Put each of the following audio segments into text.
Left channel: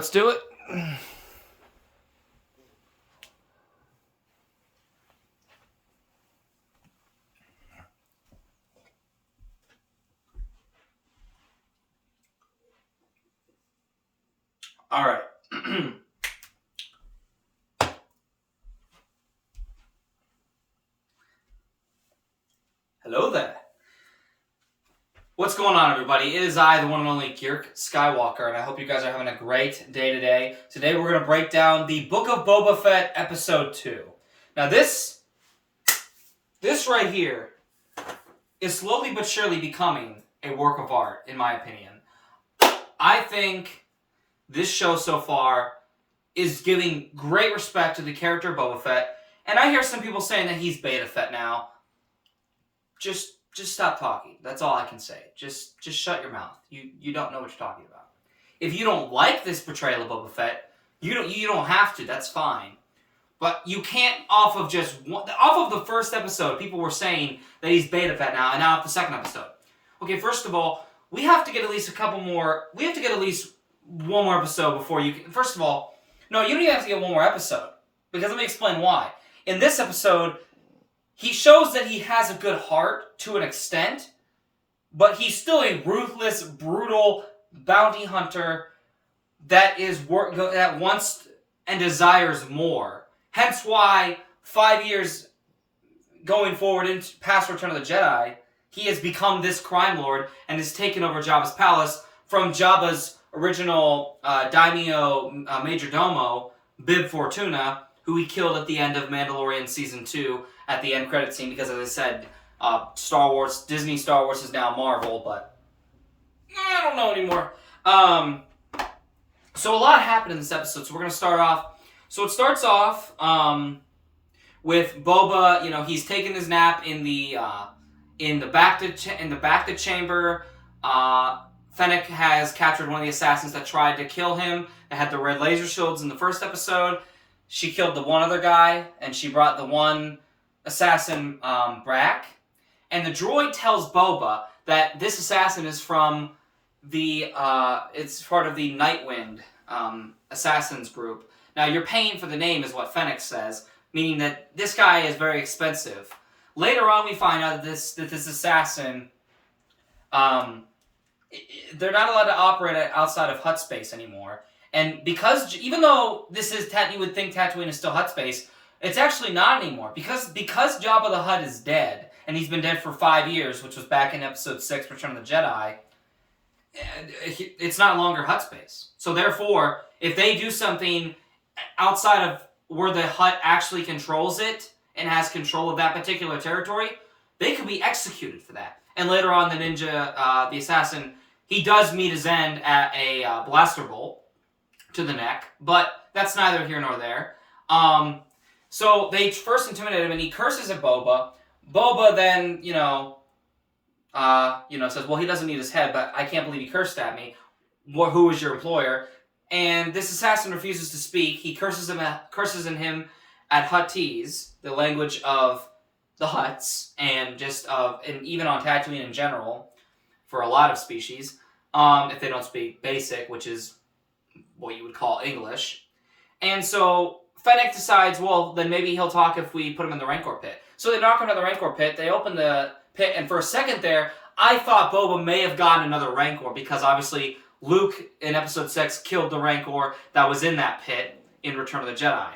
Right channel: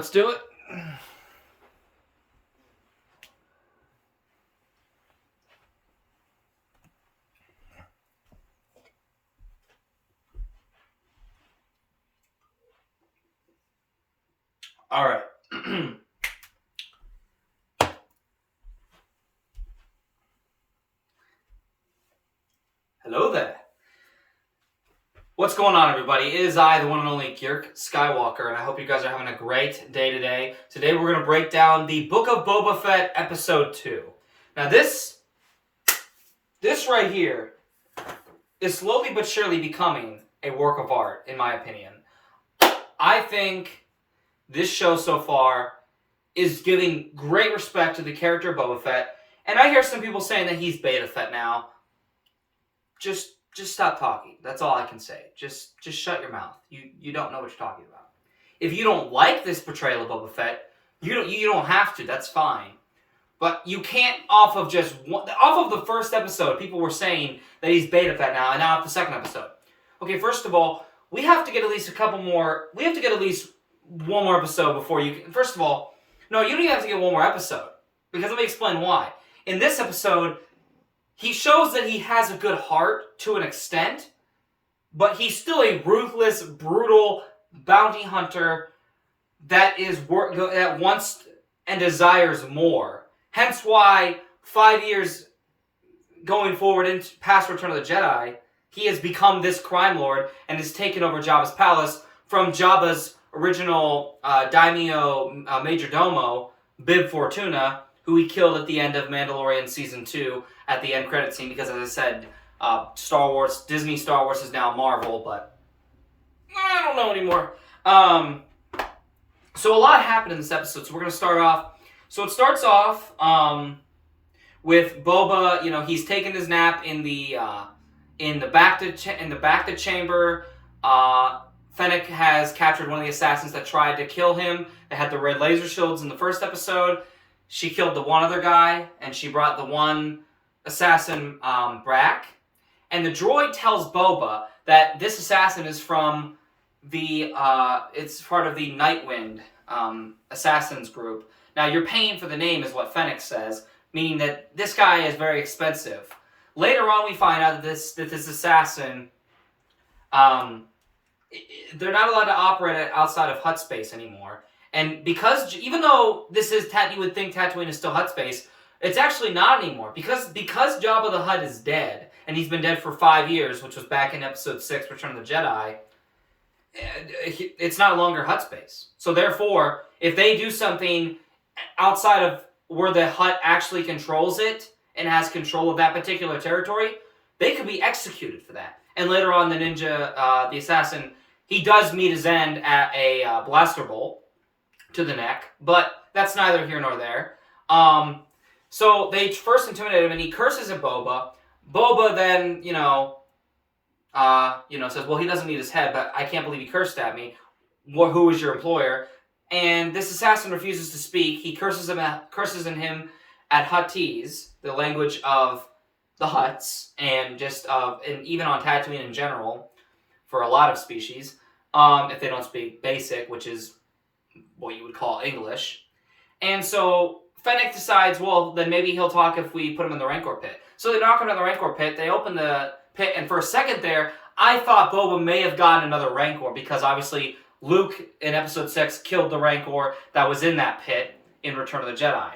Let's do it. All right. Hello there. What's going on, everybody? It is I, the one and only Girk Skywalker, and I hope you guys are having a great day today. Today we're going to break down the Book of Boba Fett, Episode 2. Now this right here is slowly but surely becoming a work of art, in my opinion. I think this show so far is giving great respect to the character of Boba Fett, and I hear some people saying that he's Beta Fett now. Just stop talking. That's all I can say. Just shut your mouth. You don't know what you're talking about. If you don't like this portrayal of Boba Fett, you don't have to. That's fine. But you can't off of the first episode, people were saying that he's Beta Fett now, and now off the second episode. Okay, first of all, we have to get at least one more episode before you can. First of all, no, you don't even have to get one more episode. Because let me explain why. In this episode, he shows that he has a good heart to an extent, but he's still a ruthless, brutal bounty hunter that wants and desires more. Hence why 5 years going forward into past Return of the Jedi, he has become this crime lord and has taken over Jabba's palace from Jabba's original daimyo major domo, Bib Fortuna, who he killed at the end of Mandalorian Season 2 at the end credit scene, because as I said, Disney Star Wars is now Marvel, but I don't know anymore. So a lot happened in this episode, so we're going to start off. So it starts off with Boba, he's taking his nap in the back to chamber. Fennec has captured one of the assassins that tried to kill him. They had the red laser shields in the first episode. She killed the one other guy, and she brought the one assassin back. And the droid tells Boba that this assassin is from it's part of the Nightwind assassins group. Now, you're paying for the name is what Fennec says, meaning that this guy is very expensive. Later on, we find out that this assassin, they're not allowed to operate outside of Hutt space anymore. And because, even though this is you would think Tatooine is still Hutt space, it's actually not anymore. Because Jabba the Hutt is dead, and he's been dead for 5 years, which was back in Episode 6, Return of the Jedi, it's not longer Hutt space. So therefore, if they do something outside of where the Hutt actually controls it, and has control of that particular territory, they could be executed for that. And later on, the ninja, the assassin, he does meet his end at a blaster bolt to the neck, but that's neither here nor there. So they first intimidate him, and he curses at Boba. Boba then, says, well, he doesn't need his head, but I can't believe he cursed at me. Who is your employer? And this assassin refuses to speak. He curses in him at Huttese, the language of the Hutts, and even on Tatooine in general, for a lot of species, if they don't speak Basic, which is what you would call English. And so Fennec decides, well, then maybe he'll talk if we put him in the Rancor pit. So they knock him in the Rancor pit, they open the pit, and for a second there, I thought Boba may have gotten another Rancor, because obviously Luke in Episode 6 killed the Rancor that was in that pit in Return of the Jedi.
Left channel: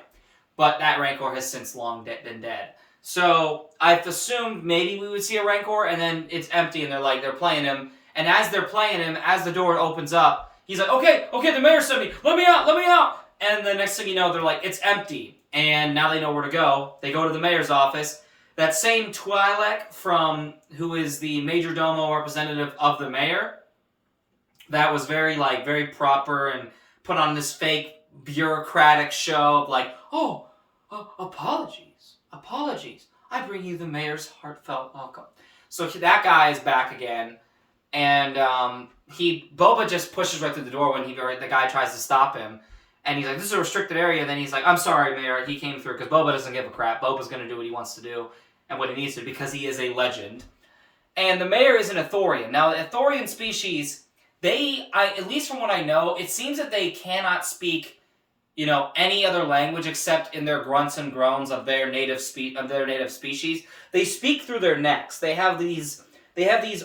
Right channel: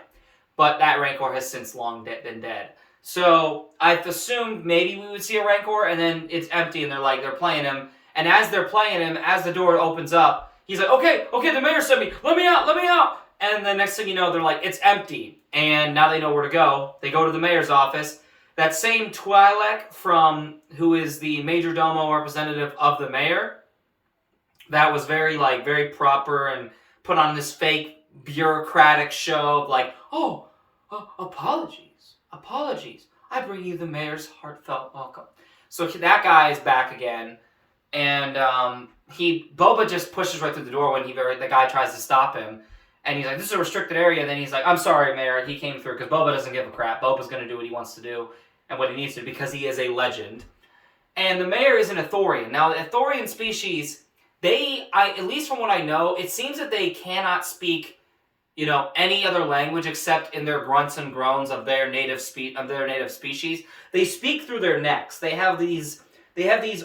But that Rancor has since long been dead. So I assumed maybe we would see a Rancor, and then it's empty, and they're playing him. And as they're playing him, as the door opens up, he's like, okay, the mayor sent me. Let me out. And the next thing you know, they're like, it's empty. And now they know where to go. They go to the mayor's office. That same Twi'lek who is the major domo representative of the mayor, that was very proper and put on this fake bureaucratic show of like, apologies. I bring you the mayor's heartfelt welcome. So that guy is back again, and Boba just pushes right through the door when the guy tries to stop him, and he's like, "This is a restricted area." And then he's like, "I'm sorry, Mayor." He came through because Boba doesn't give a crap. Boba's going to do what he wants to do and what he needs to, because he is a legend. And the mayor is an Ithorian. Now, the Ithorian species, at least from what I know, it seems that they cannot speak, any other language except in their grunts and groans of their native species. They speak through their necks. They have these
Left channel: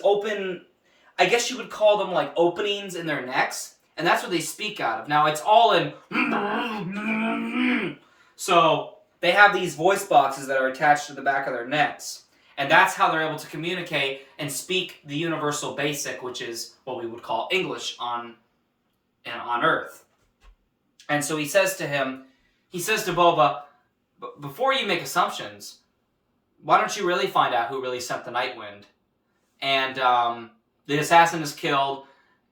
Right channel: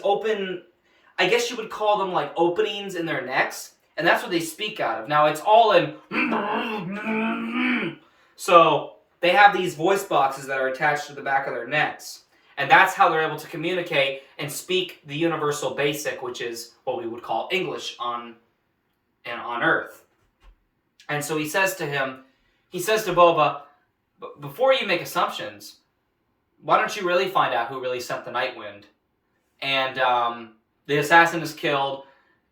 open, I guess you would call them like openings in their necks, and that's what they speak out of. Now it's all in so they have these voice boxes that are attached to the back of their necks. And that's how they're able to communicate and speak the universal basic, which is what we would call English on Earth. And so he says to Boba, before you make assumptions, why don't you really find out who really sent the Night Wind? And the assassin is killed,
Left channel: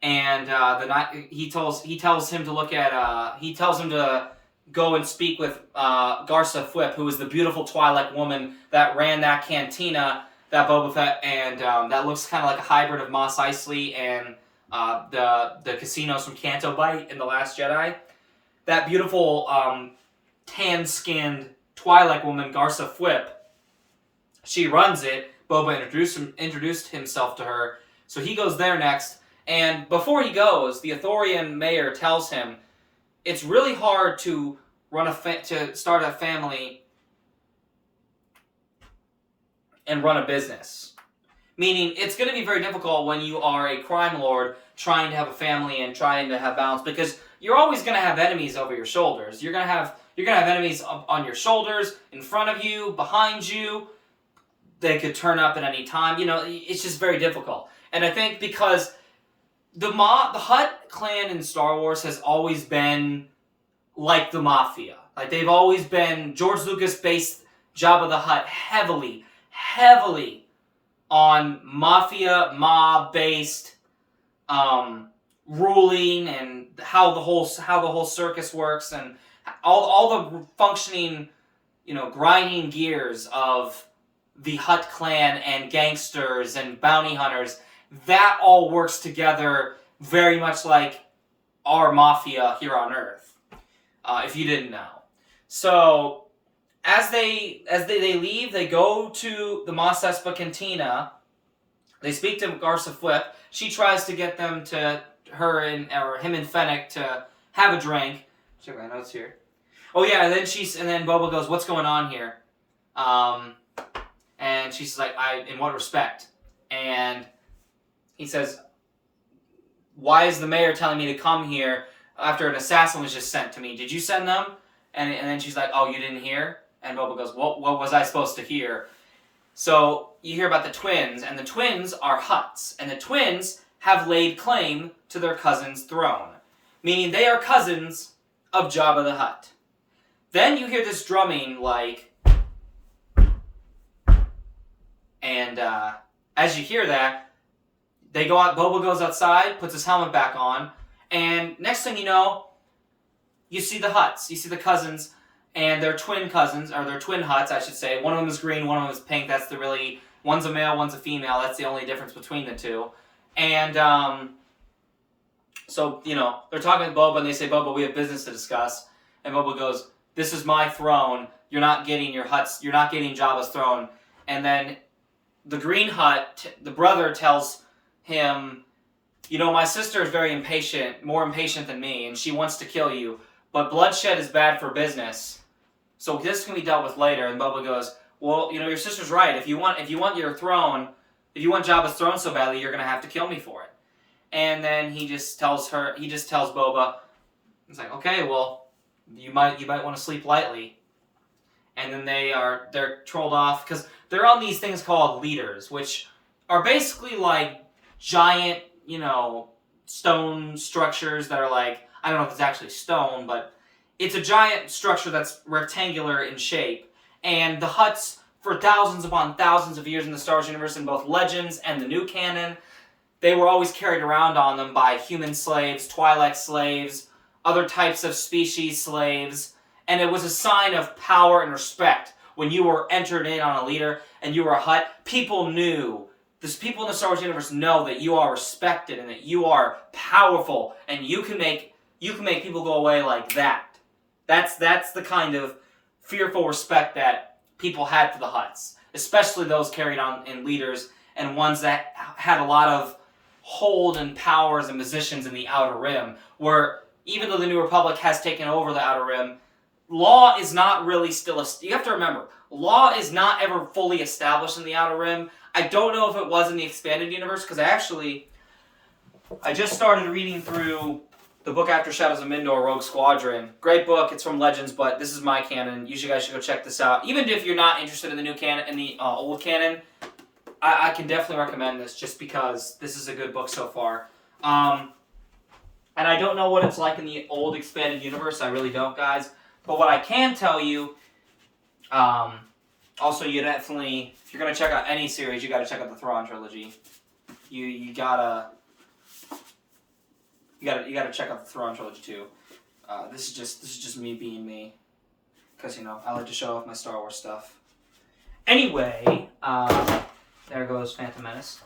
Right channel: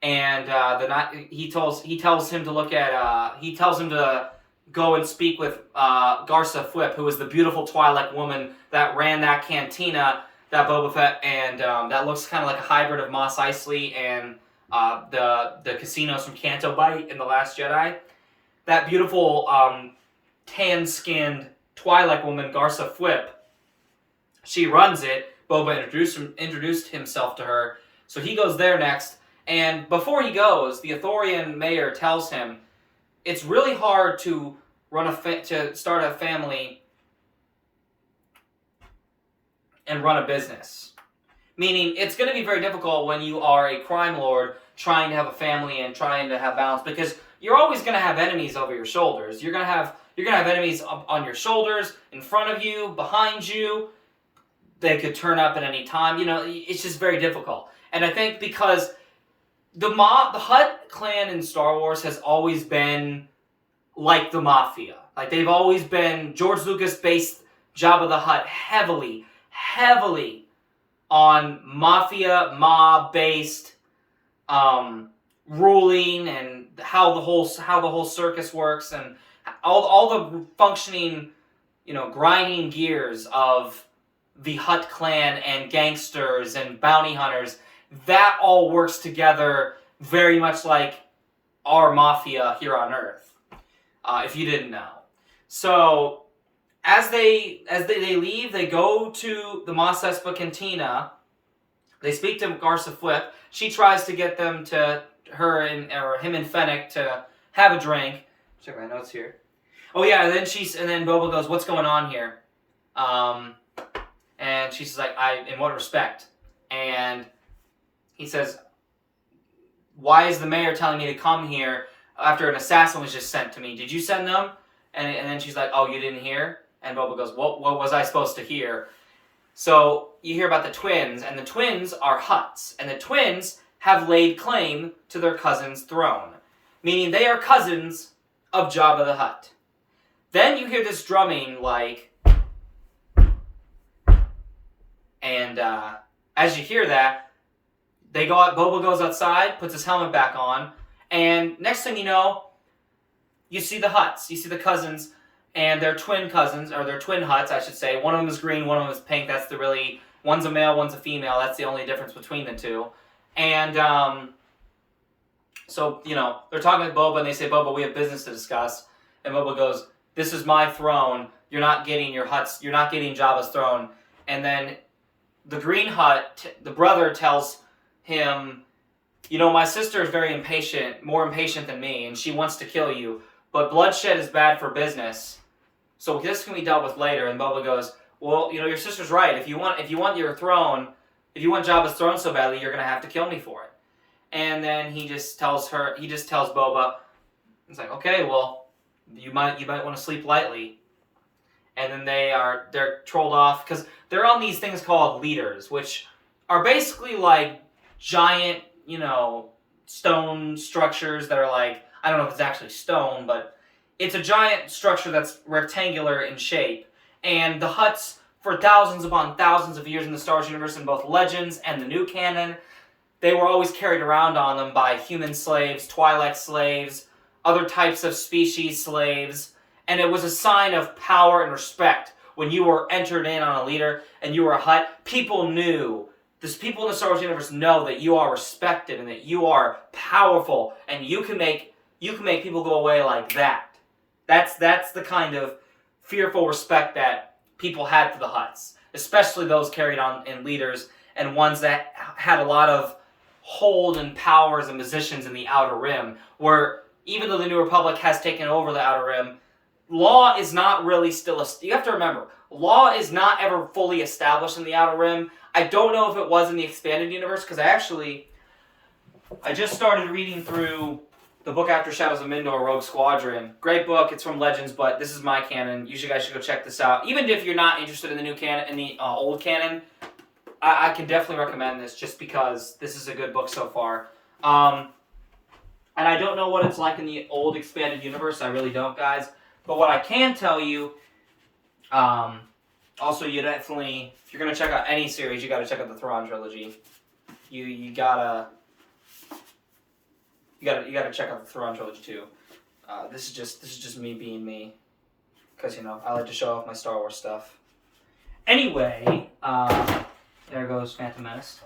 and he tells him to go and speak with Garsa Fwip, who is the beautiful Twi'lek woman that ran that cantina that Boba Fett and that looks kind of like a hybrid of Mos Eisley and the casinos from Canto Bight in The Last Jedi. That beautiful tan-skinned Twi'lek woman, Garsa Fwip, she runs it. Boba introduced himself to her, so he goes there next. And before he goes, the Ithorian mayor tells him it's really hard to start a family and run a business. Meaning, it's going to be very difficult when you are a crime lord trying to have a family and trying to have balance, because you're always going to have enemies over your shoulders. You're going to have enemies on your shoulders, in front of you, behind you. They could turn up at any time. It's just very difficult. And I think because the Hutt clan in Star Wars has always been like the Mafia. Like, they've always been... George Lucas based Jabba the Hutt heavily on Mafia, mob-based ruling, and how the whole circus works, and all the functioning, grinding gears of the Hutt clan and gangsters and bounty hunters. That all works together very much like our Mafia here on Earth, if you didn't know. So, as they leave, they go to the Mos Espa Cantina. They speak to Garsa Fwip. She tries to get them to him and Fennec to have a drink. Check my notes here. Oh yeah, and then Boba goes, "What's going on here?" And she's like, "In what respect?" And he says, "Why is the mayor telling me to come here after an assassin was just sent to me? Did you send them?" And then she's like, "Oh, you didn't hear?" And Boba goes, "What was I supposed to hear?" So you hear about the twins, and the twins are Hutts, and the twins have laid claim to their cousin's throne, meaning they are cousins of Jabba the Hutt. Then you hear this drumming, and as you hear that, they go out. Boba goes outside, puts his helmet back on, and next thing you know, you see the Hutts. You see the cousins, and they're twin cousins, or they're twin Hutts, I should say. One of them is green, one of them is pink. One's a male, one's a female. That's the only difference between the two. And so they're talking to Boba, and they say, "Boba, we have business to discuss." And Boba goes, "This is my throne. You're not getting You're not getting Jabba's throne." And then the green Hutt, the brother, tells him, "My sister is very impatient, more impatient than me, and she wants to kill you. But bloodshed is bad for business, so this can be dealt with later." And Boba goes, "Well, your sister's right. If you want your throne, if you want Jabba's throne so badly, you're gonna have to kill me for it." And then he just tells Boba, he's like, "Okay, well, you might want to sleep lightly." And then they're trolled off because they're on these things called leaders, which are basically like giant, stone structures that are like, I don't know if it's actually stone, but it's a giant structure that's rectangular in shape. And the Hutts, for thousands upon thousands of years in the Star Wars universe, in both Legends and the new canon, they were always carried around on them by human slaves, Twi'lek slaves, other types of species slaves, and it was a sign of power and respect. When you were entered in on a leader and you were a Hutt, people knew, people in the Star Wars universe know that you are respected and that you are powerful, and you can make people go away like that. That's the kind of fearful respect that people had for the Hutts, especially those carried on in leaders and ones that had a lot of hold and powers and positions in the Outer Rim, where even though the New Republic has taken over the Outer Rim, law is not really still... You have to remember, law is not ever fully established in the Outer Rim. I don't know if it was in the expanded universe, because I just started reading through the book After Shadows of Mindor, Rogue Squadron. Great book. It's from Legends, but this is my canon. You guys should go check this out. Even if you're not interested in the new canon, in the old canon, I can definitely recommend this just because this is a good book so far. And I don't know what it's like in the old expanded universe. I really don't, guys. But what I can tell you, also you definitely, if you're going to check out any series, you got to check out the Thrawn trilogy. You gotta check out the Thrawn trilogy too. This is just me being me, because I like to show off my Star Wars stuff. Anyway, there goes Phantom Menace.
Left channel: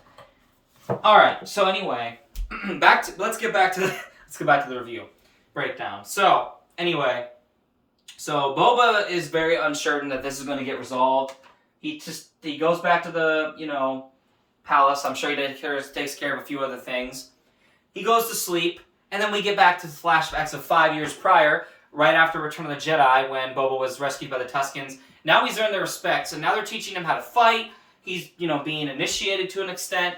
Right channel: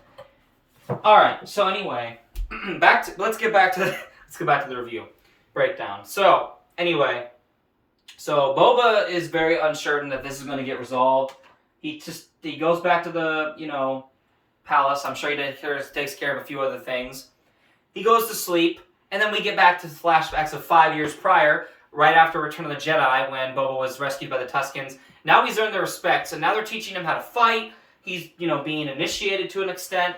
All right, so anyway, let's get back to the review breakdown. So anyway, Boba is very uncertain that this is going to get resolved. He goes back to the palace. I'm sure he takes care of a few other things. He goes to sleep, and then we get back to flashbacks of 5 years prior, right after Return of the Jedi, when Boba was rescued by the Tuskens. Now he's earned their respect, so now they're teaching him how to fight. He's, being initiated to an extent.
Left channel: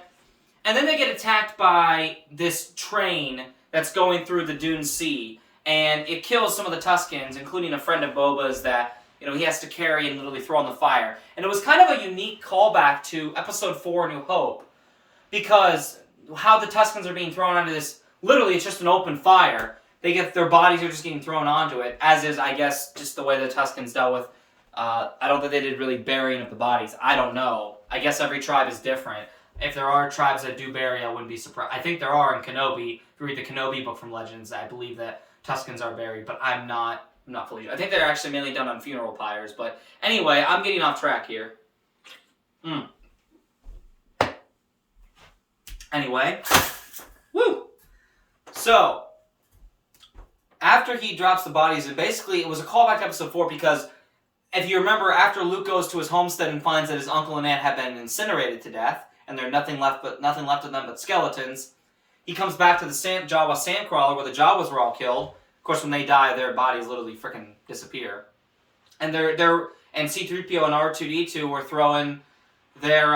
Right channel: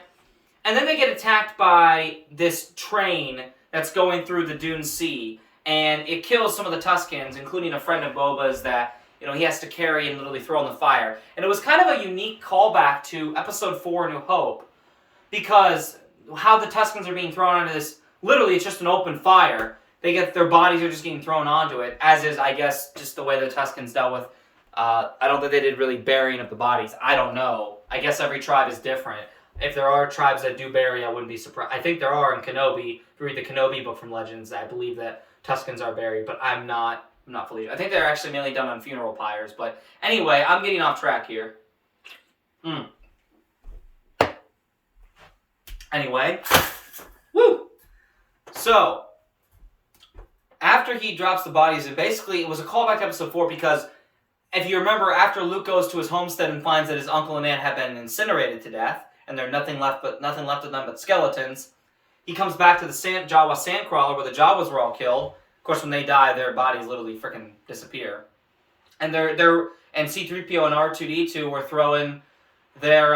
And then they get attacked by this train that's going through the Dune Sea, and it kills some of the Tuskens, including a friend of Boba's that, he has to carry and literally throw in the fire. And it was kind of a unique callback to Episode 4, A New Hope, because how the Tuskens are being thrown onto this, literally it's just an open fire. Their bodies are just getting thrown onto it, as is, I guess, just the way the Tuskens dealt with. I don't think they did really burying of the bodies. I don't know. I guess every tribe is different. If there are tribes that do bury, I wouldn't be surprised. I think there are in Kenobi. If you read the Kenobi book from Legends, I believe that Tuskens are buried, but I'm not fully sure. I think they're actually mainly done on funeral pyres, but anyway, I'm getting off track here. Anyway, woo! So, after he drops the bodies, it was a callback to Episode 4 because if you remember, after Luke goes to his homestead and finds that his uncle and aunt have been incinerated to death, and there's nothing left of them but skeletons, he comes back to the Jawa sandcrawler where the Jawas were all killed. Of course, when they die, their bodies literally freaking disappear. And and C-3PO and R2-D2 were throwing their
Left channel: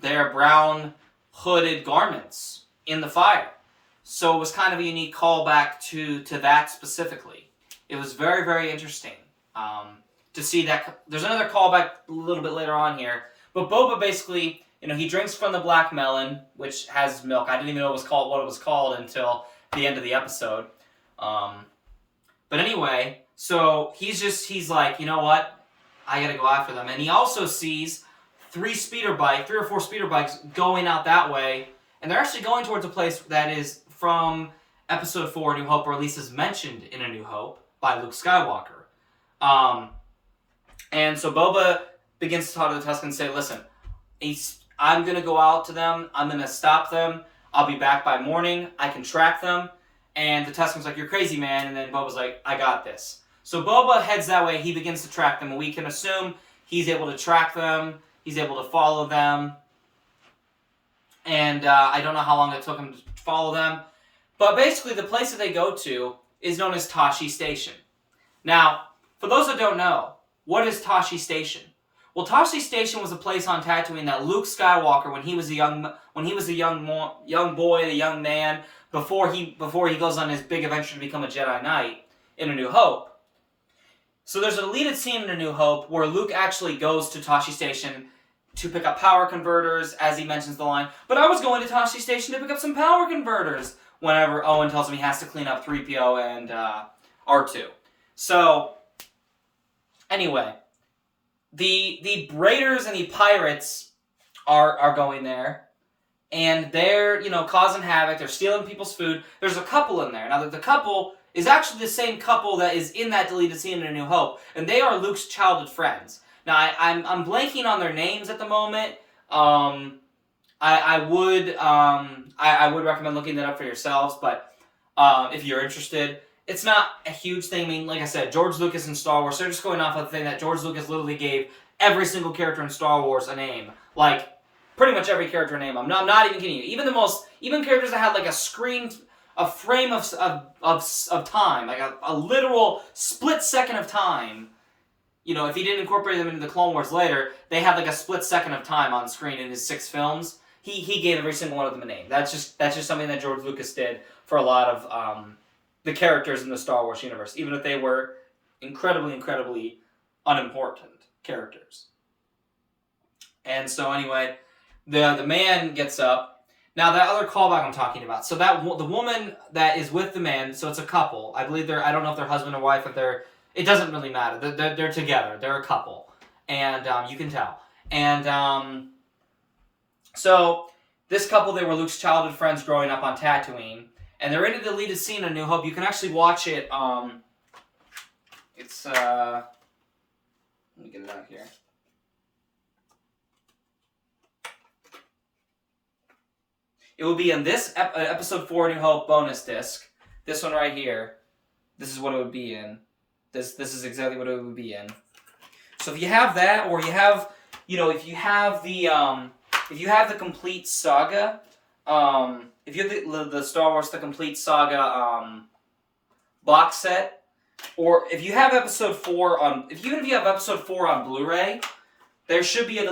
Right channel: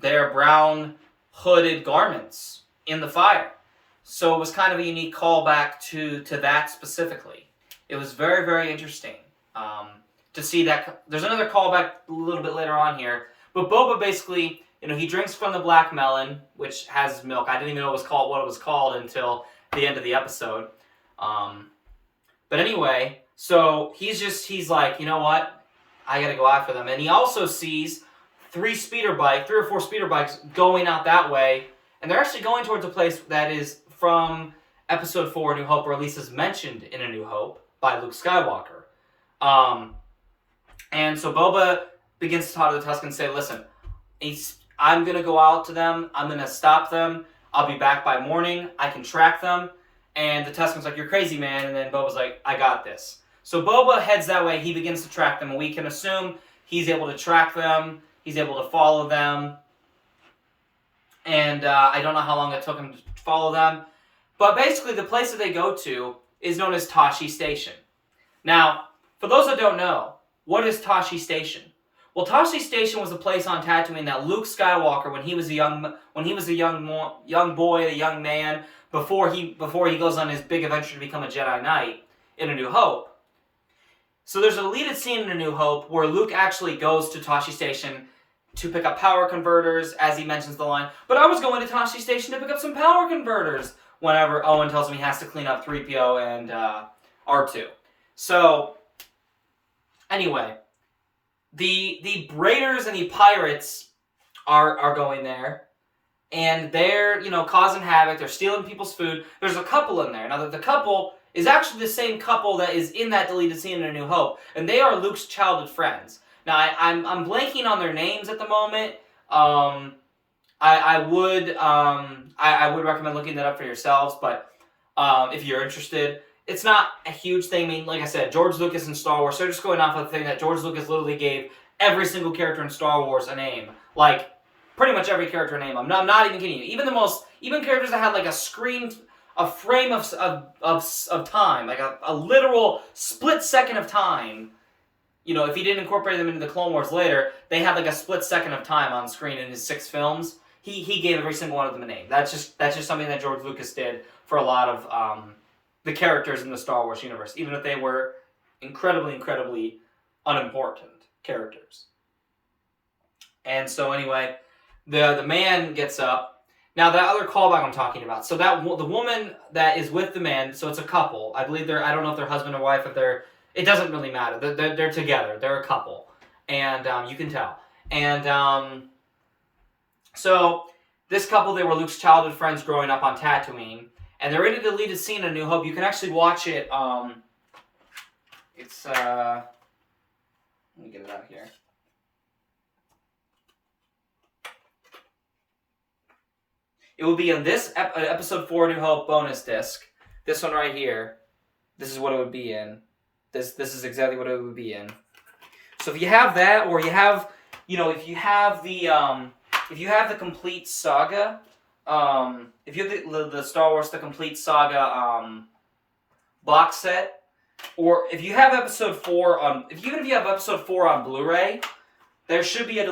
brown hooded garments in the fire. So it was kind of a unique callback to that specifically. It was very, very interesting. To see that. There's another callback a little bit later on here. But Boba basically, he drinks from the black melon, which has milk. I didn't even know what it was called until the end of the episode. But anyway, so he's like, you know what? I gotta go after them. And he also sees 3 or 4 speeder bikes going out that way. And they're actually going towards a place that is from Episode 4, A New Hope, or at least is mentioned in A New Hope by Luke Skywalker. And so Boba begins to talk to the Tuskens and say, listen, I'm going to go out to them. I'm going to stop them. I'll be back by morning. I can track them. And the Tusken's like, you're crazy, man. And then Boba's like, I got this. So Boba heads that way. He begins to track them. And we can assume he's able to track them. He's able to follow them. And I don't know how long it took him to follow them. But basically, the place that they go to is known as Tashi Station. Now, for those that don't know, what is Tashi Station? Well, Tashi Station was a place on Tatooine that Luke Skywalker, when he was a young boy, a young man, before he goes on his big adventure to become a Jedi Knight in A New Hope. So there's a deleted scene in A New Hope where Luke actually goes to Tashi Station to pick up power converters, as he mentions the line, but I was going to Tashi Station to pick up some power converters, whenever Owen tells him he has to clean up 3PO and R2. So, anyway, the Raiders and the Pirates are going there, and they're, causing havoc. They're stealing people's food. There's a couple in there. Now, the couple is actually the same couple that is in that deleted scene in A New Hope, and they are Luke's childhood friends. Now, I'm blanking on their names at the moment. I would recommend looking that up for yourselves, but if you're interested, it's not a huge thing. I mean, like I said, George Lucas in Star Wars, they're just going off of the thing that George Lucas literally gave every single character in Star Wars a name. Like, pretty much every character name. I'm not even kidding you. Even characters that had like a frame of time, like a literal split second of time. You know, if he didn't incorporate them into the Clone Wars later, they had like a split second of time on screen in his 6 films. He gave every single one of them a name. That's just something that George Lucas did for a lot of the characters in the Star Wars universe, even if they were incredibly unimportant characters. And so anyway, the man gets up. Now that other callback I'm talking about. So that the woman that is with the man. So it's a couple. I believe I don't know if they're husband or wife. It doesn't really matter. They're together. They're a couple, and you can tell. And so this couple, they were Luke's childhood friends growing up on Tatooine, and they're in a deleted scene in A New Hope. You can actually watch it. It's let me get it out here. It will be in this episode 4 New Hope bonus disc. This one right here. This is what it would be in. This is exactly what it would be in. So if you have that, or you have, if you have the complete saga, if you have the Star Wars The Complete Saga box set, or if you have episode 4 even if you have episode 4 on Blu-ray, there should be a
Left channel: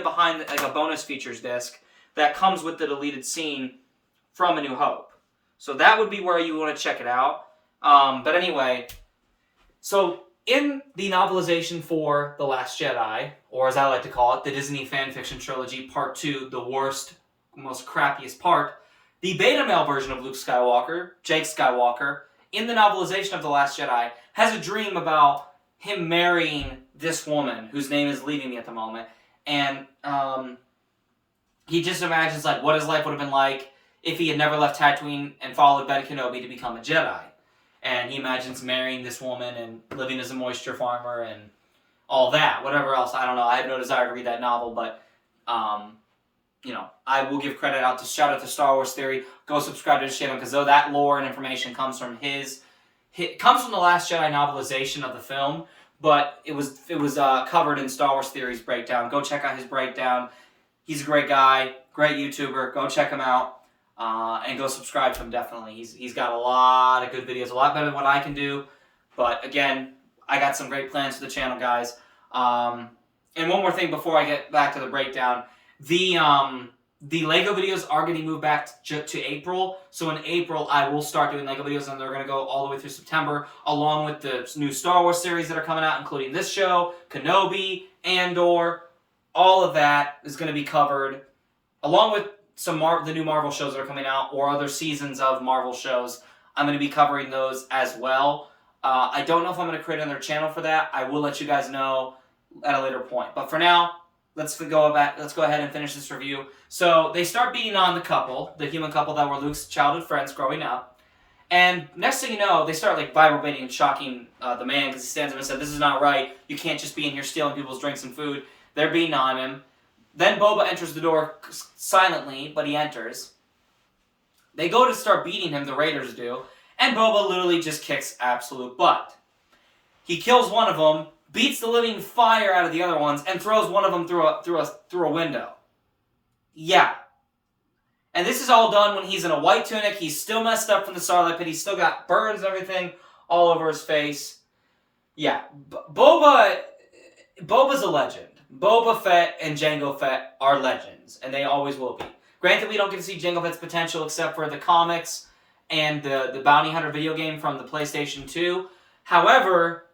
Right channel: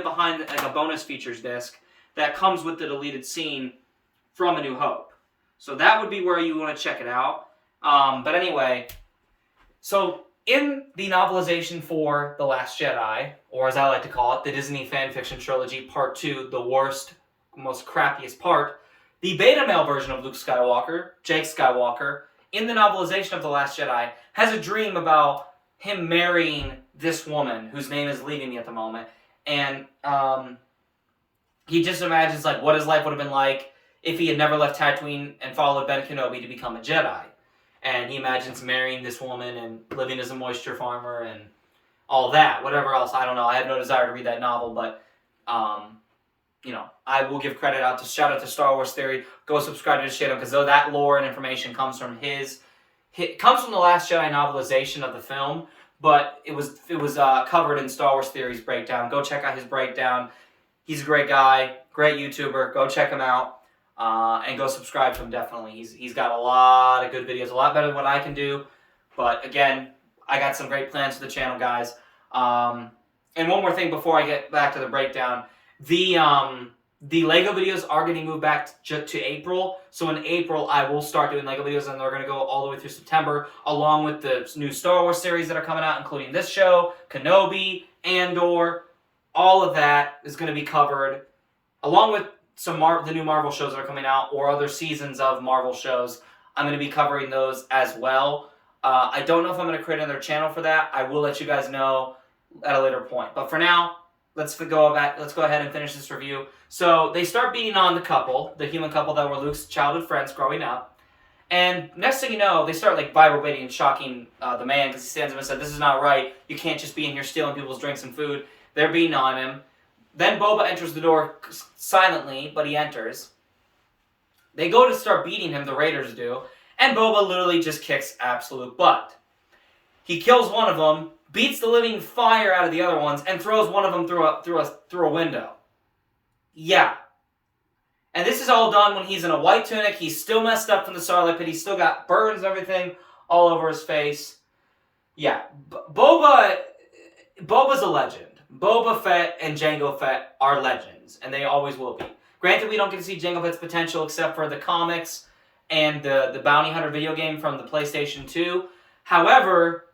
behind a bonus features disc that comes with the deleted scene from A New Hope. So that would be where you want to check it out. But anyway, so in the novelization for The Last Jedi, or as I like to call it, the Disney fanfiction trilogy, Part 2, the worst, most crappiest part, the beta male version of Luke Skywalker, Jake Skywalker, in the novelization of The Last Jedi, has a dream about him marrying this woman, whose name is leaving me at the moment, and he just imagines like what his life would have been like if he had never left Tatooine and followed Ben Kenobi to become a Jedi. And he imagines marrying this woman and living as a moisture farmer and all that. Whatever else, I don't know. I have no desire to read that novel, but I will give credit out to shout out to Star Wars Theory. Go subscribe to his channel because though that lore and information comes from comes from the Last Jedi novelization of the film, but it was covered in Star Wars Theory's breakdown. Go check out his breakdown. He's a great guy, great YouTuber. Go check him out, and go subscribe to him, definitely. He's got a lot of good videos, a lot better than what I can do. But again, I got some great plans for the channel, guys. And one more thing before I get back to the breakdown. The LEGO videos are getting moved back to April. So in April, I will start doing LEGO videos, and they're going to go all the way through September, along with the new Star Wars series that are coming out, including this show, Kenobi, Andor. All of that is going to be covered, along with the new Marvel shows that are coming out, or other seasons of Marvel shows. I'm going to be covering those as well. I don't know if I'm going to create another channel for that. I will let you guys know at a later point. But for now, let's go ahead and finish this review. So they start beating on the human couple that were Luke's childhood friends growing up. And next thing you know, they start like Bible baiting and shocking the man because he stands up and said, "This is not right. You can't just be in here stealing people's drinks and food." They're beating on him. Then Boba enters the door silently, but he enters. They go to start beating him, the Raiders do, and Boba literally just kicks absolute butt. He kills one of them, beats the living fire out of the other ones, and throws one of them through a window. Yeah. And this is all done when he's in a white tunic. He's still messed up from the Starlight Pit. He's still got burns and everything all over his face. Yeah. Boba's a legend. Boba Fett and Jango Fett are legends, and they always will be. Granted, we don't get to see Jango Fett's potential except for the comics and the Bounty Hunter video game from the PlayStation 2. However,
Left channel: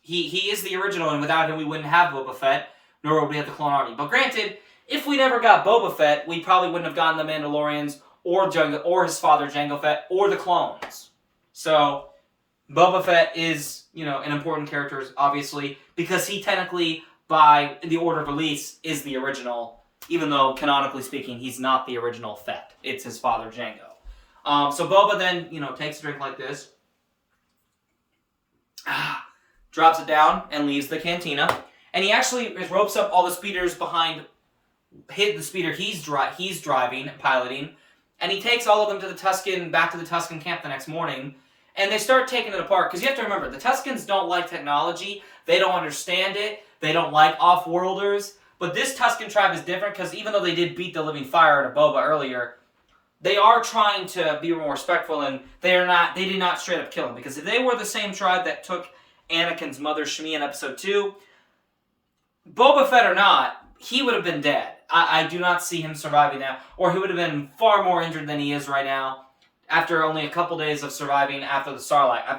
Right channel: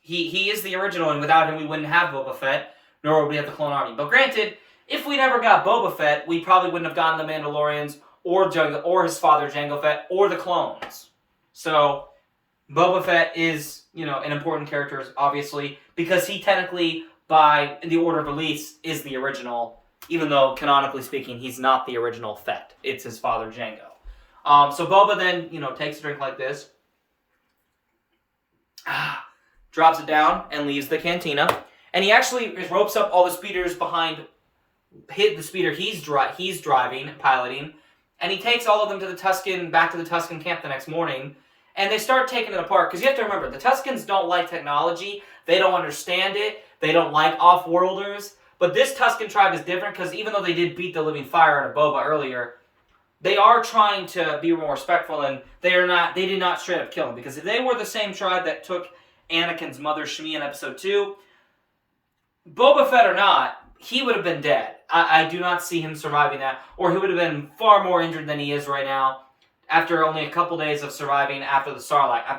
he is the original, and without him, we wouldn't have Boba Fett, nor would we have the Clone Army. But granted, if we never got Boba Fett, we probably wouldn't have gotten the Mandalorians, or his father Jango Fett, or the clones. So, Boba Fett is, an important character, obviously, because he technically, by the order of release, is the original, even though, canonically speaking, he's not the original Fett. It's his father, Jango. So Boba then, takes a drink like this, drops it down, and leaves the cantina. And he actually ropes up all the speeders behind the speeder he's driving, piloting, and he takes all of them back to the Tusken camp the next morning, and they start taking it apart, because you have to remember, the Tuskens don't like technology, they don't understand it, they don't like off-worlders, But this Tusken tribe is different because even though they did beat the living fire out of Boba earlier, they are trying to be more respectful, and they did not straight up kill him. Because if they were the same tribe that took Anakin's mother Shmi in Episode 2, Boba Fett or not, he would have been dead. I do not see him surviving that, or he would have been far more injured than he is right now after only a couple days of surviving after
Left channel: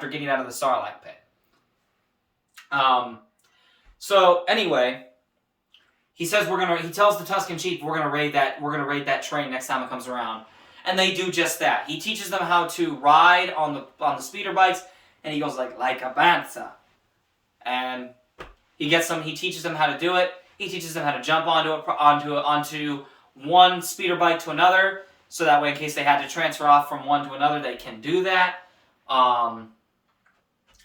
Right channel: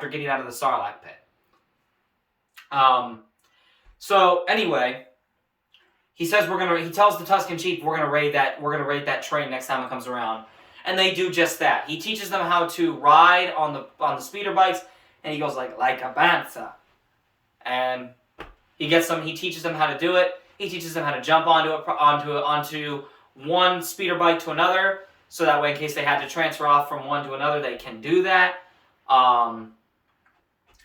getting out of the Sarlacc pit. So anyway, he tells the Tusken Chief, we're gonna raid that train next time it comes around. And they do just that. He teaches them how to ride on the speeder bikes, and he goes like a bantha. And he teaches them how to do it. He teaches them how to jump onto one speeder bike to another, so that way in case they had to transfer off from one to another, they can do that. And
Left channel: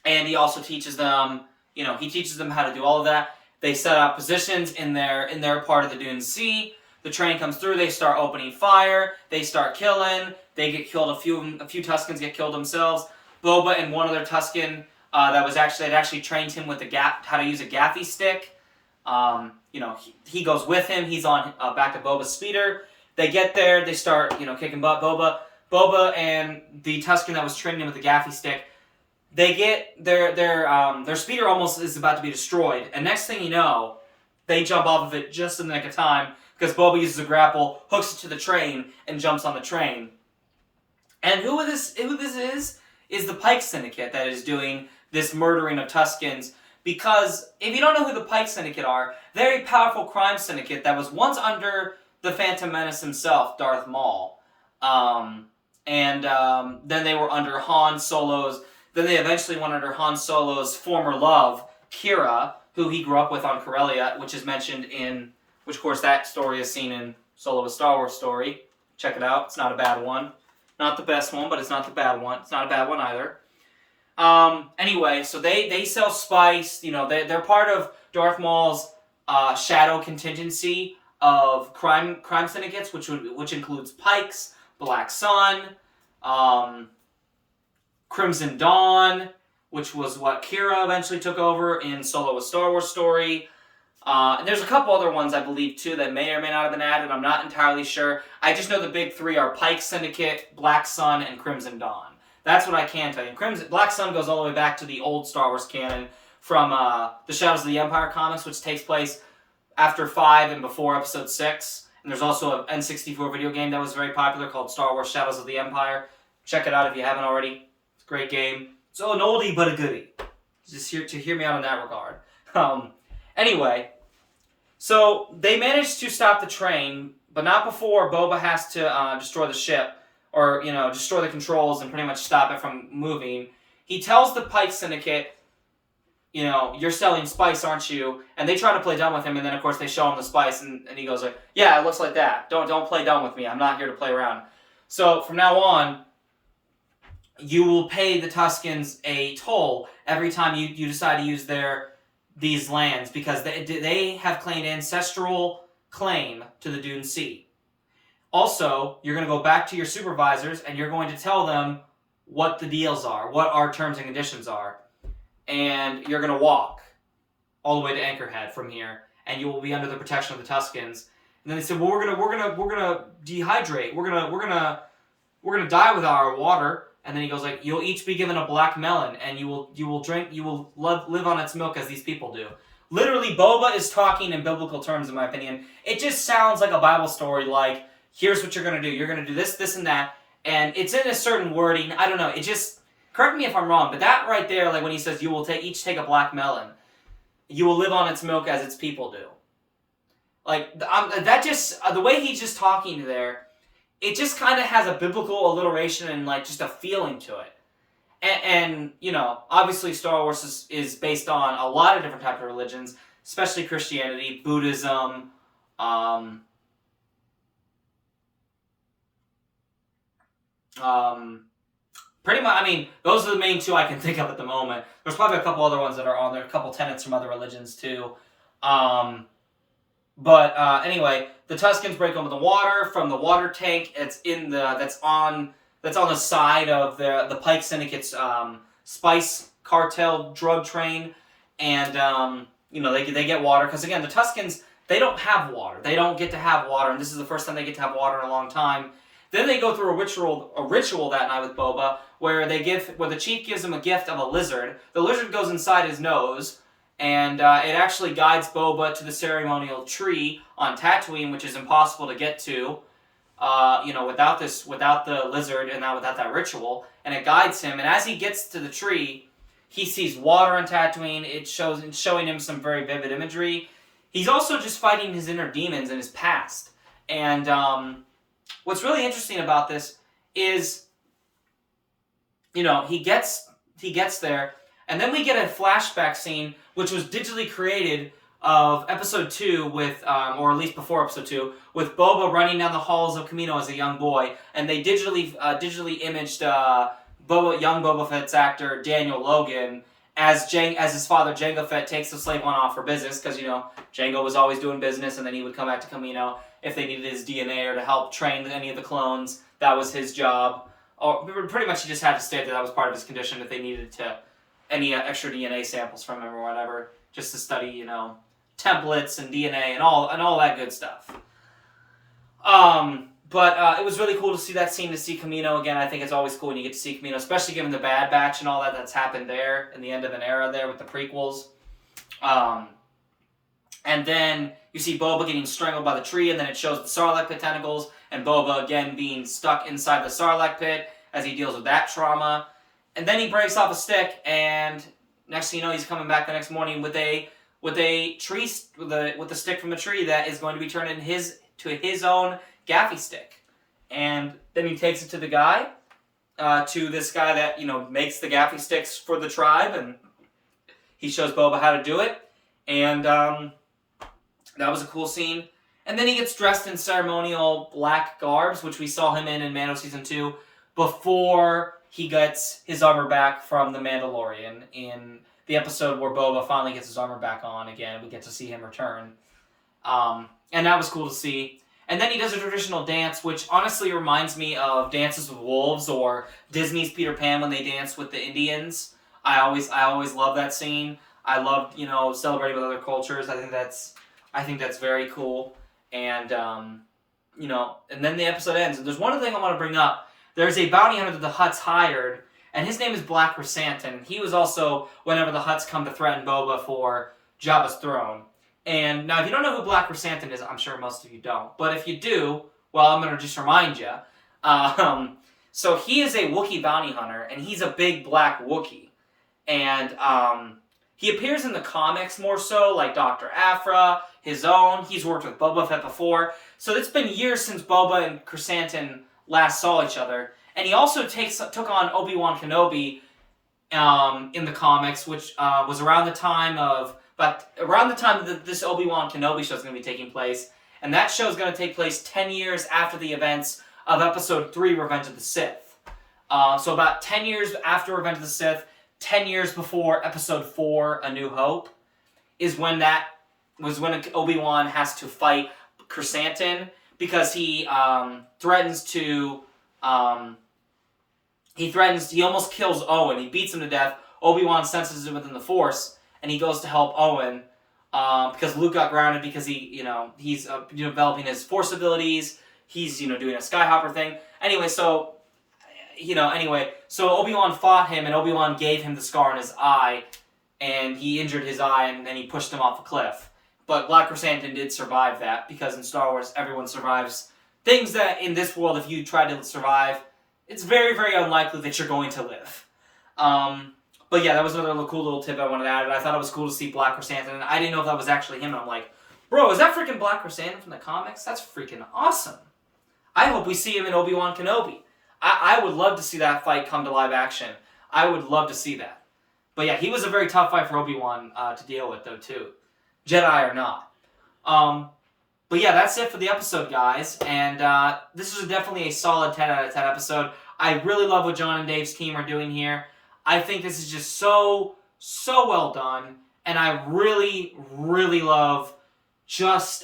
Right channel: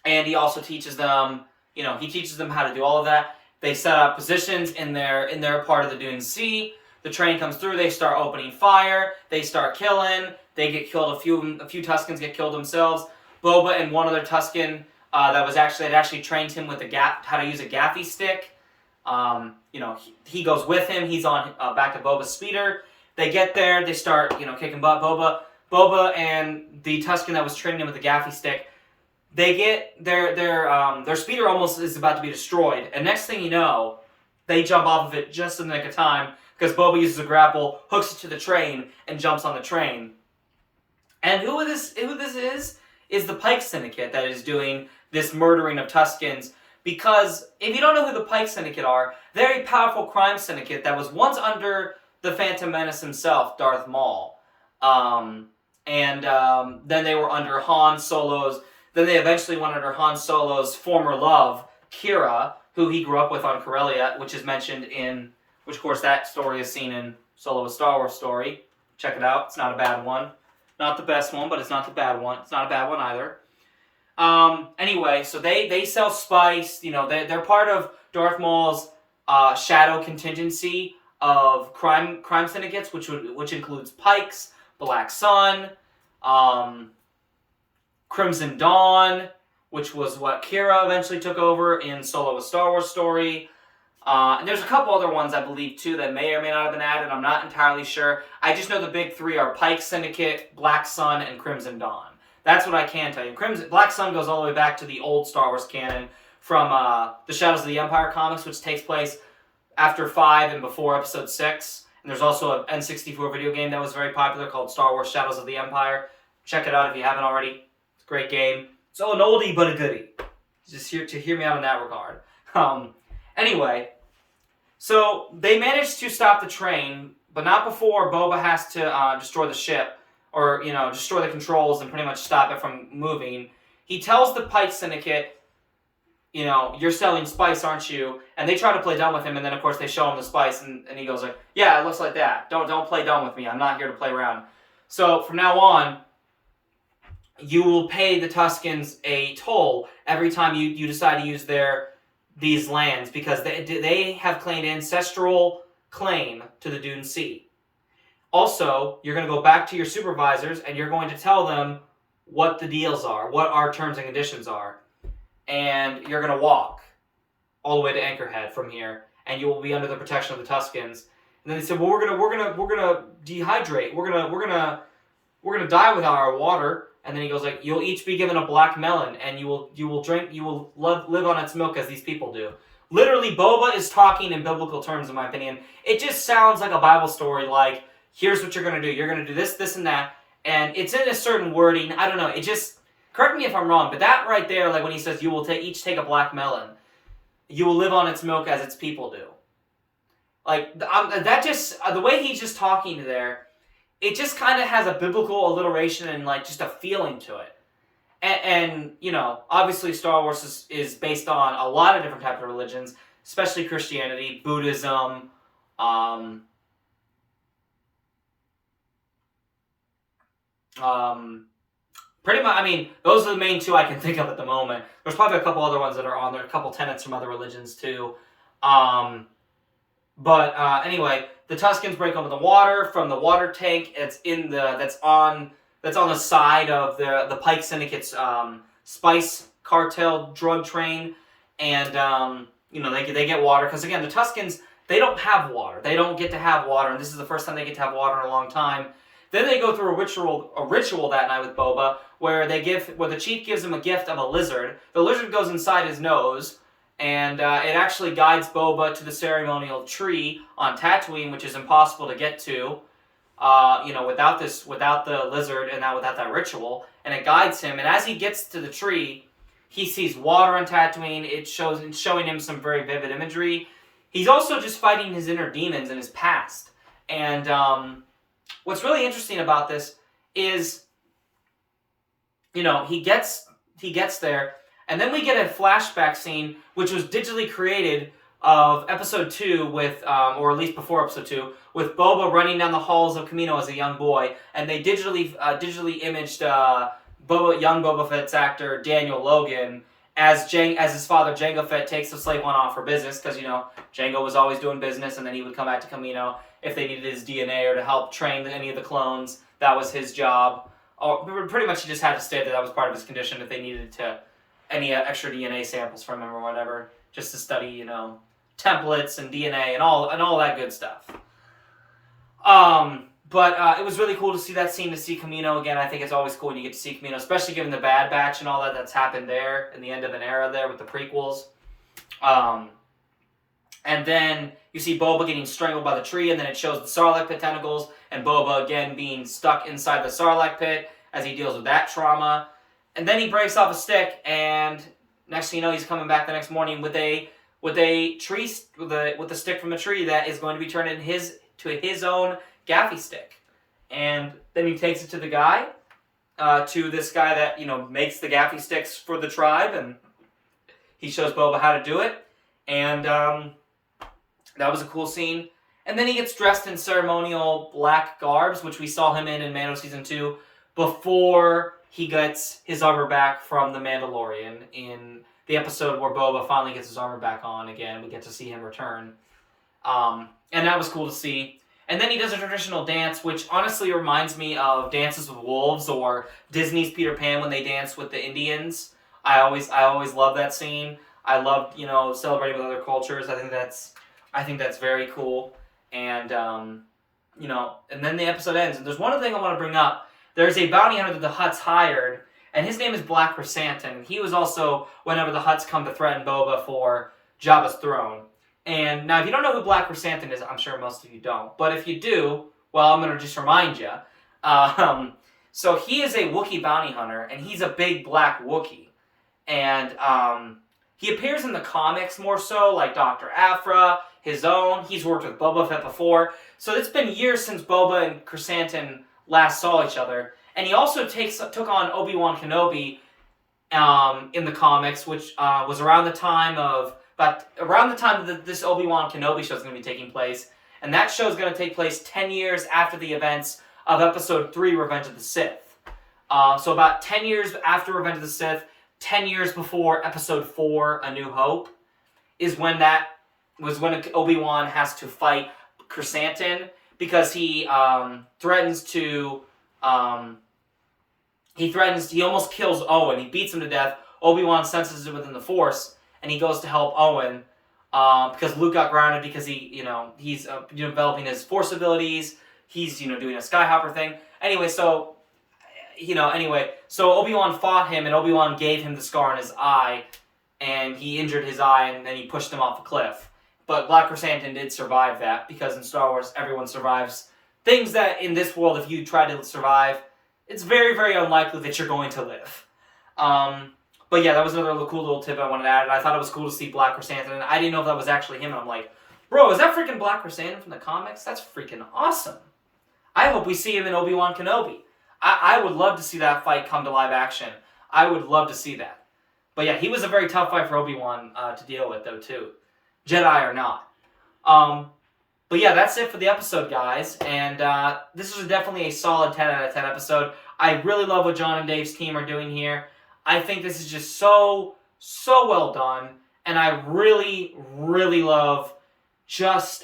he also teaches them, how to do all of that. They set up positions in their part of the Dune Sea. The train comes through. They start opening fire. They start killing. They get killed. A few Tuskens get killed themselves. Boba and one other Tusken that actually trained him with how to use a gaffy stick. He goes with him. He's on back to Boba's speeder. They get there. They start kicking butt. Boba and the Tusken that was training him with the gaffy stick. They get their speeder almost is about to be destroyed, and next thing you know, they jump off of it just in the nick of time because Boba uses a grapple, hooks it to the train, and jumps on the train. And who this is the Pike Syndicate that is doing this murdering of Tuskens. Because if you don't know who the Pike Syndicate are, they're a powerful crime syndicate that was once under the Phantom Menace himself, Darth Maul, and then they were under Han Solo's. Then they eventually went under Han Solo's former love, Kira, who he grew up with on Corellia, which of course that story is seen in Solo: A Star Wars Story. Check it out. It's not a bad one. Not the best one, but it's not the bad one. It's not a bad one either. Anyway, so they sell spice. They're part of Darth Maul's shadow contingency of crime syndicates, which includes Pikes, Black Sun, Crimson Dawn, which was what Kira eventually took over in Solo: A Star Wars Story. And there's a couple other ones, I believe, too, that may or may not have been added. I'm not entirely sure. I just know the big three are Pike Syndicate, Black Sun, and Crimson Dawn. That's what I can tell you. Black Sun goes all the way back to the old Star Wars canon from the Shadows of the Empire comics, which takes place after 5 and before Episode 6. And there's also an N64 video game that was very popular called Star Wars Shadows of the Empire. Check it out if you haven't already. It's a great game. It's an oldie but a goodie. Just hear me out in that regard. Anyway, so they managed to stop the train, but not before Boba has to destroy the ship, or destroy the controls and pretty much stop it from moving. He tells the Pike Syndicate, you're selling spice, aren't you? And they try to play dumb with him, and then of course they show him the spice, and he goes like, yeah, it looks like that. Don't play dumb with me. I'm not here to play around. So from now on, you will pay the Tuskens a toll every time you decide to use these lands, because they have claimed ancestral claim to the Dune Sea. Also, you're going to go back to your supervisors and you're going to tell them what the deals are, what our terms and conditions are, and you're going to walk all the way to Anchorhead from here, and you will be under the protection of the Tuskens. And then they said, well, we're gonna dehydrate. We're gonna die without our water. And then he goes like, you'll each be given a black melon, and you will live on its milk as these people do. Literally, Boba is talking in biblical terms, in my opinion. It just sounds like a Bible story, like, here's what you're going to do. You're going to do this, this, and that. And it's in a certain wording. I don't know. It just, correct me if I'm wrong, but that right there, like when he says, you will each take a black melon, you will live on its milk as its people do. Like, that just, the way he's just talking there, it just kind of has a biblical alliteration and like just a feeling to it. And obviously Star Wars is based on a lot of different types of religions, especially Christianity, Buddhism, pretty much, I mean, those are the main two I can think of at the moment. There's probably a couple other ones that are on there, a couple tenets from other religions too. Anyway, the Tuskens break open the water from the water tank. It's that's on the side of the Pike Syndicate's spice cartel drug train, and they get water because again the Tuskens, they don't have water. They don't get to have water, and this is the first time they get to have water in a long time. Then they go through a ritual that night with Boba, where the chief gives him a gift of a lizard. The lizard goes inside his nose, and it actually guides Boba to the ceremonial tree on Tatooine, which is impossible to get to, without the lizard and without that ritual. And it guides him, and as he gets to the tree, he sees water on Tatooine. It's showing him some very vivid imagery. He's also just fighting his inner demons in his past. And what's really interesting about this is, he gets there, and then we get a flashback scene, which was digitally created of Episode 2 with, or at least before Episode 2, with Boba running down the halls of Kamino as a young boy, and they digitally imaged young Boba Fett's actor Daniel Logan as his father Jango Fett takes the slave one off for business, because Jango was always doing business, and then he would come back to Kamino if they needed his DNA or to help train any of the clones. That was his job. Or pretty much he just had to state that was part of his condition if they needed any extra DNA samples from him or whatever, just to study templates and DNA and all that good stuff. But it was really cool to see that scene, to see Kamino again. I think it's always cool when you get to see Kamino, especially given the Bad Batch and all that's happened there in the end of an era there with the prequels. And then you see Boba getting strangled by the tree, and then it shows the Sarlacc pit tentacles, and Boba again being stuck inside the Sarlacc pit as he deals with that trauma. And then he breaks off a stick, and next thing you know, he's coming back the next morning with a tree with a stick from a tree that is going to be turned into his own gaffy stick. And then he takes it to the guy, to this guy that makes the gaffy sticks for the tribe, and he shows Boba how to do it. And that was a cool scene. And then he gets dressed in ceremonial black garbs, which we saw him in Mando Season 2, before he gets his armor back from the Mandalorian in the episode where Boba finally gets his armor back on again. We get to see him return. And that was cool to see. And then he does a traditional dance, which honestly reminds me of Dances with Wolves or Disney's Peter Pan when they dance with the Indians. I always love that scene. I love, celebrating with other cultures. I think that's very cool. And, and then the episode ends. And there's one other thing I want to bring up. There's a bounty hunter that the Hutts hired, and his name is Black Chrysanthemum. He was also whenever the Hutts come to threaten Boba for Jabba's throne. And now, if you don't know who Black Chrysanthemum is, I'm sure most of you don't. But if you do, well, I'm going to just remind you. So he is a Wookiee bounty hunter, and he's a big black Wookiee. And he appears in the comics more so, like Dr. Aphra, his own. He's worked with Boba Fett before. So it's been years since Boba and Chrysanthemum last saw each other. And he also took on Obi-Wan Kenobi in the comics, which was around the time that this Obi-Wan Kenobi show is going to be taking place. And that show is going to take place 10 years after the events of Episode 3, Revenge of the Sith. So about 10 years after Revenge of the Sith, 10 years before Episode 4, A New Hope, is when Obi-Wan has to fight Chrysanthemum, because he threatens to... he almost kills Owen. He beats him to death. Obi-Wan senses it within the Force, and he goes to help Owen, because Luke got grounded because he's developing his Force abilities. He's, doing a Skyhopper thing. So Obi-Wan fought him, and Obi-Wan gave him the scar in his eye, and he injured his eye, and then he pushed him off a cliff. But Black Chrysanthemum did survive that, because in Star Wars, everyone survives things that in this world, if you try to survive, it's very, very unlikely that you're going to live. But yeah, that was another cool little tip I wanted to add. I thought it was cool to see Black Chrysanthemum. I didn't know if that was actually him, and I'm like, bro, is that freaking Black Chrysanthemum from the comics? That's freaking awesome. I hope we see him in Obi-Wan Kenobi. I would love to see that fight come to live action. I would love to see that. But yeah, he was a very tough fight for Obi-Wan to deal with, though, too. Jedi or not. But yeah, that's it for the episode, guys. And this was definitely a solid 10 out of 10 episode. I really love what John and Dave's team are doing here. I think this is just so well done. And I really, really love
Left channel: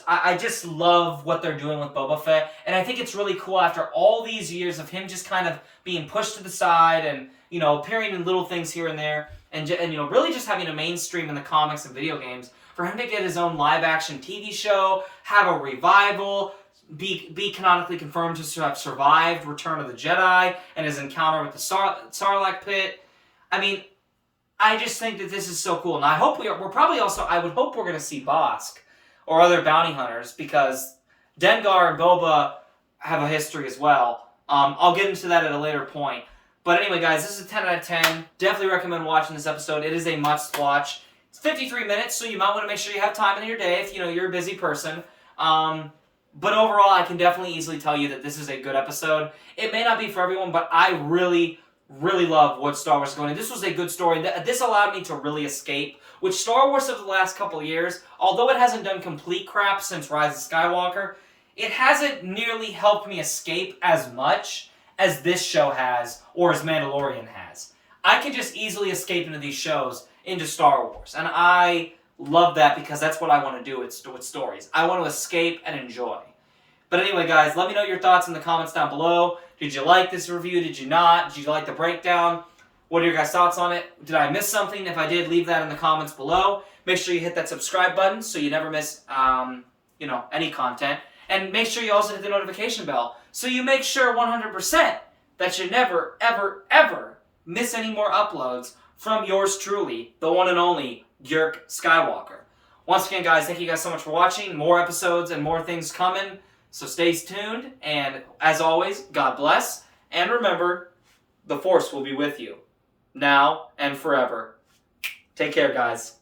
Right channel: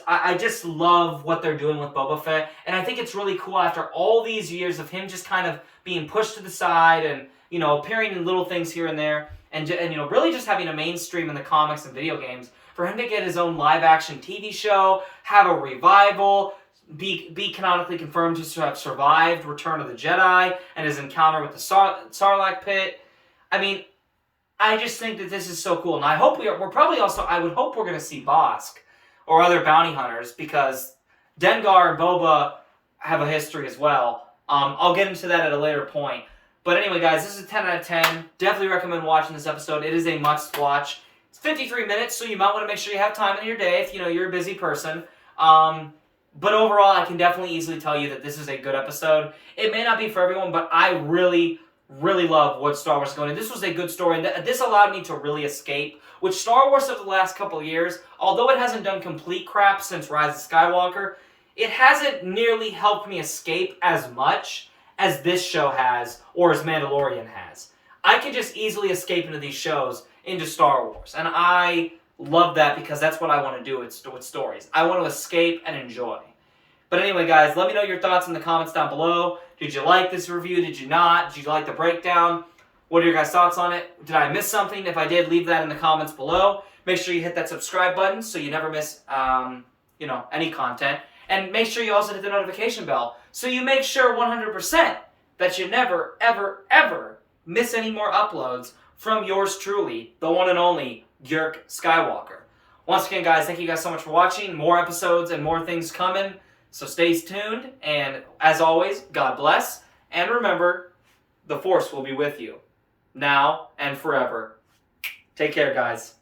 I just love what they're doing with Boba Fett. And I think it's really cool after all these years of him just kind of being pushed to the side and, appearing in little things here and there. and really just having a mainstream in the comics and video games, for him to get his own live-action TV show, have a revival, be canonically confirmed to have survived Return of the Jedi and his encounter with the Sarlacc pit. I mean, I just think that this is so cool, and I hope I would hope we're going to see Bosk or other bounty hunters, because Dengar and Boba have a history as well. I'll get into that at a later point. But anyway, guys, this is a 10 out of 10. Definitely recommend watching this episode. It is a must-watch. It's 53 minutes, so you might want to make sure you have time in your day if you're a busy person. But overall, I can definitely easily tell you that this is a good episode. It may not be for everyone, but I really, really love what Star Wars is going. And this was a good story. This allowed me to really escape, which Star Wars of the last couple of years, although it hasn't done complete crap since Rise of Skywalker, it hasn't nearly helped me escape as much as this show has, or as Mandalorian has. I can just easily escape into these shows, into Star Wars. And I love that, because that's what I want to do with stories. I want to escape and enjoy. But anyway, guys, let me know your thoughts in the comments down below. Did you like this review? Did you not? Did you like the breakdown? What are your guys' thoughts on it? Did I miss something? If I did, leave that in the comments below. Make sure you hit that subscribe button so you never miss, any content. And make sure you also hit the notification bell so you make sure 100% that you never, ever, ever miss any more uploads from yours truly, the one and only Yerk Skywalker. Once again, guys, thank you guys so much for watching. More episodes and more things coming. So stay tuned, and as always, God bless, and remember, the Force will be with you, now and forever. Take care, guys.